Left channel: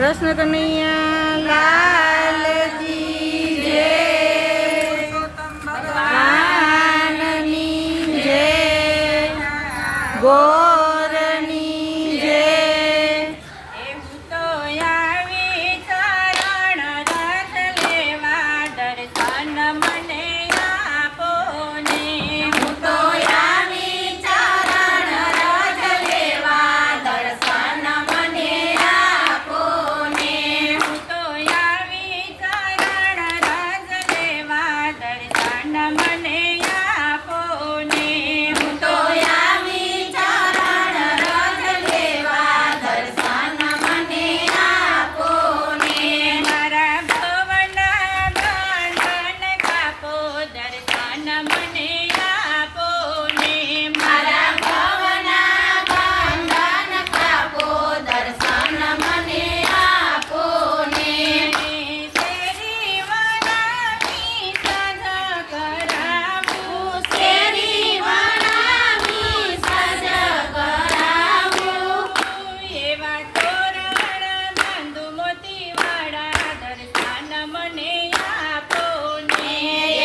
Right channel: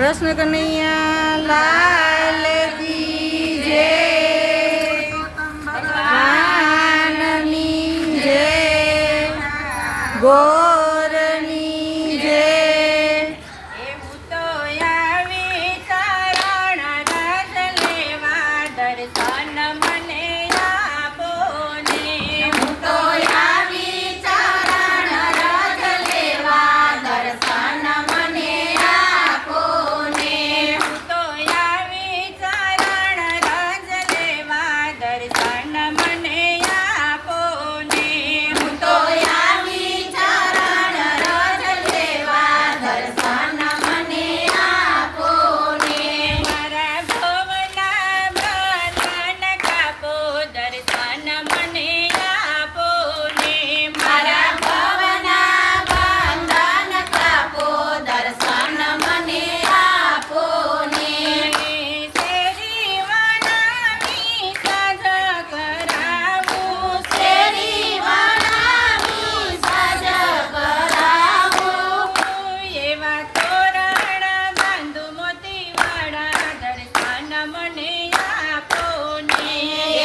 કૃષ્ણ કનૈયા લાલ કી જય, ભગવાનની જય, ગોરની જય. હું તો આવી ચરણ રસ લેવા, દર્શન મને આપો ને. હું તો આવી ચરણ રસ લેવા, દર્શન મને આપો ને. હું તો આવી ચરણ રસ લેવા, દર્શન મને આપો ને. હું તો આવી ચરણ રસ લેવા, દર્શન મને આપો ને. મારા ભવના બંધન કાપો, દર્શન મને આપો ને. મારા ભવના બંધન કાપો, દર્શન મને આપો ને. શેરી વનામી સાજ કરાવું, શેરી વનામી સજ કરાવું, એવા તોરણ બાંધુ મોતીવાળા, દર્શન મને આપો ને.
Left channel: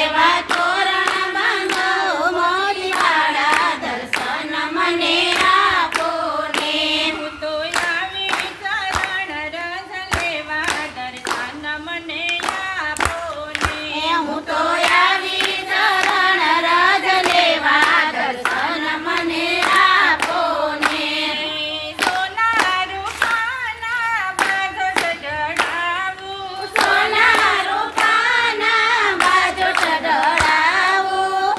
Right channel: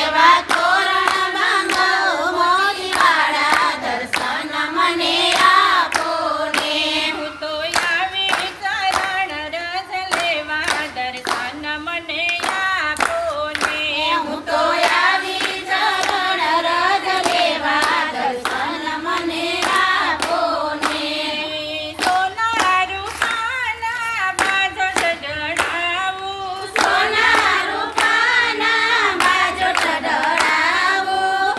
એવા તોરણ બાંધો મોતીવાળા, દર્શન મને આપો ને. હું તો આવી ચરણ રસ લેવા, દર્શન મને આપો ને. હું તો આવી ચરણ રજ લેવા, દર્શન મને આપો ને. સોના રૂપાના બાજો ચઢાવું, સોના રૂપાના બાજો ચઢાવું,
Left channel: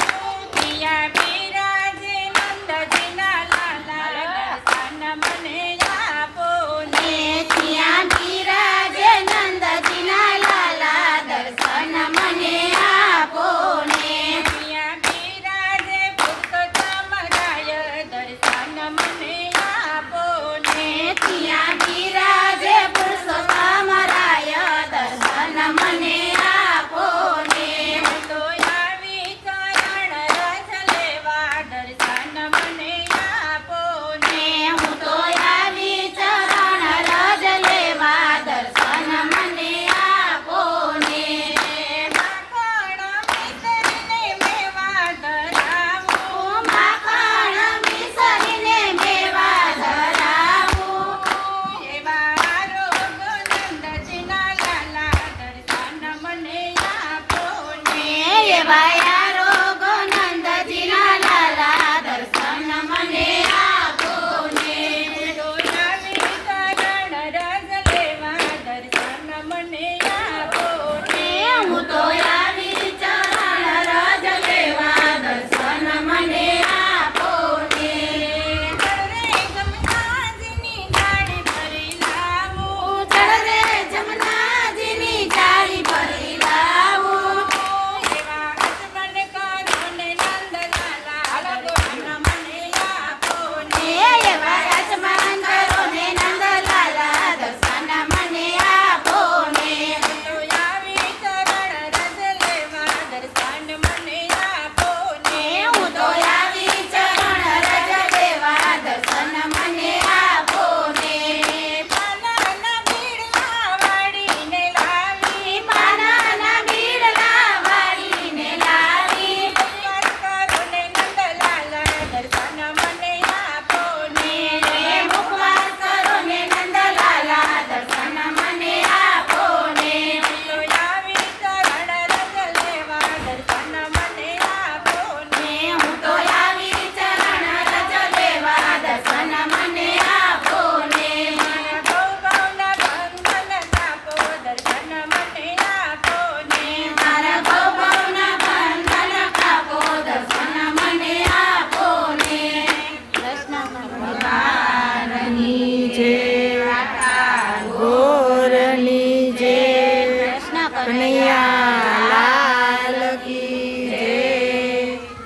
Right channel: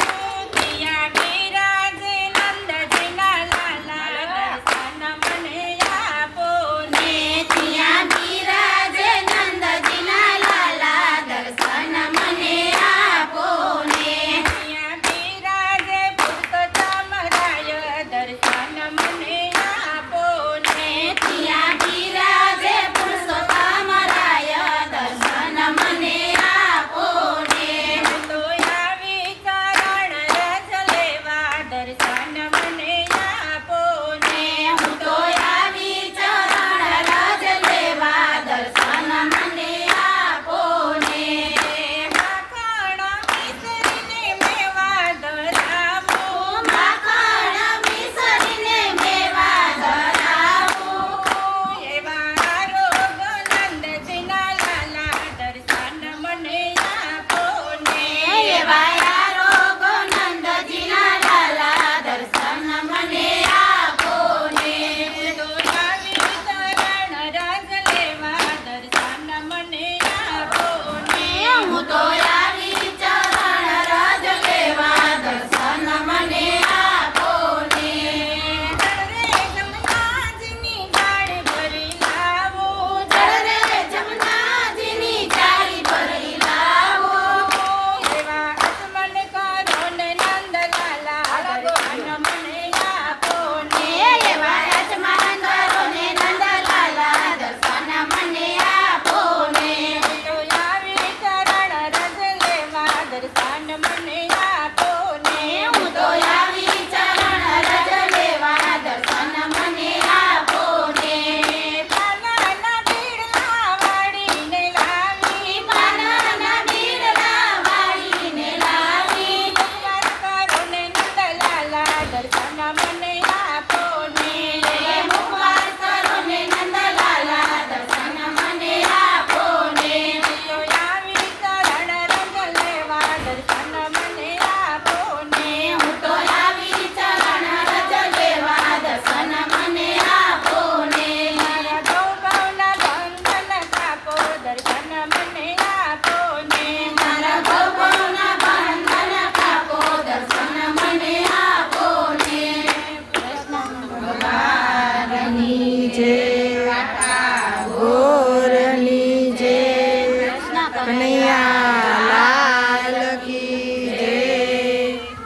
પિયા બિરાજે નંદજીના લાલા, દર્શન મને આપો ને. ત્યાં બિરાજે નંદજીના લાલા, દર્શન મને આપો ને. પિયા બિરાજે પુરુષોત્તમ રાય, દર્શન મને આપો ને. ત્યાં બિરાજે પુરુષોત્તમ રાય, દર્શન મને આપો ને. હું તો આવી ચરણ રસ લેવા, દર્શન મને આપો ને. હું તો આવી ચરણ રજ લેવા, દર્શન મને આપો ને. માખણ મિસરીને મેવા ધરાવું, માખણ મિસરીને મેવા ધરાવું, એવા રોગ નંદજીના લાલા, દર્શન મને આપો ને. એવા રોગ નંદજીના લાલા, દર્શન મને આપો ને. તો આવી ચરણ રસ લેવા, દર્શન મને આપો ને. હું તો